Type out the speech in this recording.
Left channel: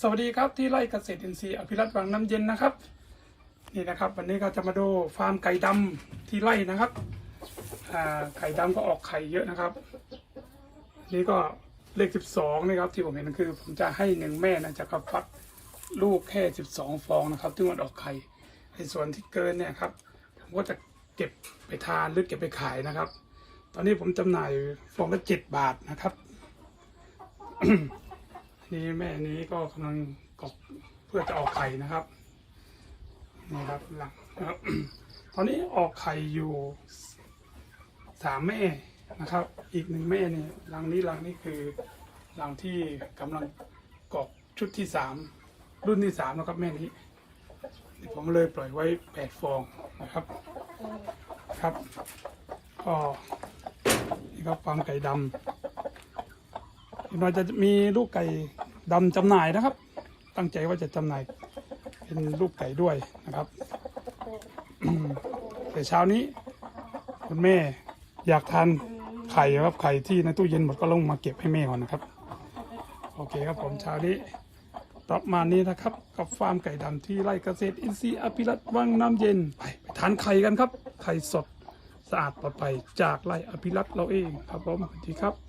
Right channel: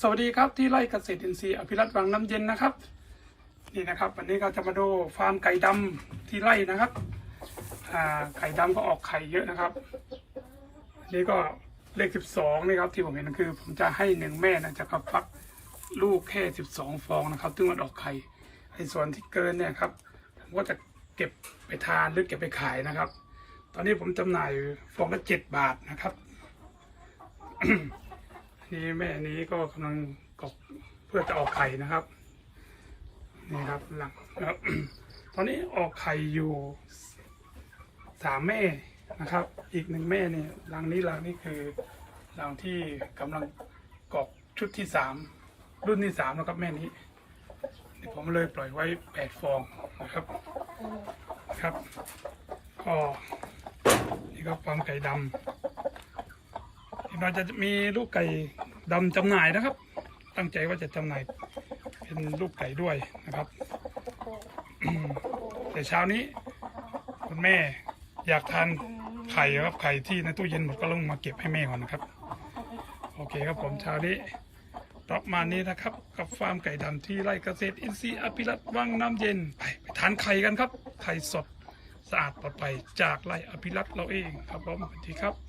สวัสดีครับที่ไร่เกษตรอินทรีย์อภิรัตน์วังน้ำเย็นนะครับ นี่นะครับ วันนี้เราจะมาดูฟาร์มไก่ดำที่ไร่นะครับไก่ดำก็ออกไข่เยอะนะครับนนี้ก็เลขสิบสองนี่ครับที่ผมเห็นคือ ผมจะให้หนึ่งแม่นะจะก็ฟักลูกแค่สิบสองฟองนะครับซึ่งมันออกไข่ไอ้ส่วนที่เกินเนี่ยครับผมก็จะเก็บไปทานหรือเก็บไปขายนะครับ ตอนนี้ผมจำหน่ายฟองละเจ็ดบาทนะครับ นี่แม่นี้ก็กำลังกบเพื่อจะออกไข่นะครับนี่ครับหลังตอนนี้ออกไข่อยู่สามแม่นะครับ อีกหนึ่งแม่เนี่ยหลังนี้หลังนี้คือหลังที่กำลังกอกชุดที่สามรุ่นที่สามนะครับแม่นี้นผมเลยปล่อยไว้แปดฟองนะครับครับก็นี่ก็ฟาร์มไก่ดำ อีกหน่อยจะมีลูกไก่ดำจำหน่ายนะครับ ตั้งใจว่าจะจำหน่ายเป็นลูกไก่ด้วยนะครับแต่เช้านี้ คุณแม่อยากทานไข่ครับไข่ที่ในตู้เย็นหมดก็ลงมาเก็บให้แม่ก่อนนะครับ โอเคครับผมเช้านี้ประมาณนี้นะครับ กับฟาร์มไก่ดำที่ไร่เกษตรอินทรีย์อภิรัตน์วังน้ำเย็นไปไปทานไข่กันครับ ไข่สดสะอาดปลอดภัยจากไร่อภิรัตน์เราเองครับผมสวัสดีครับ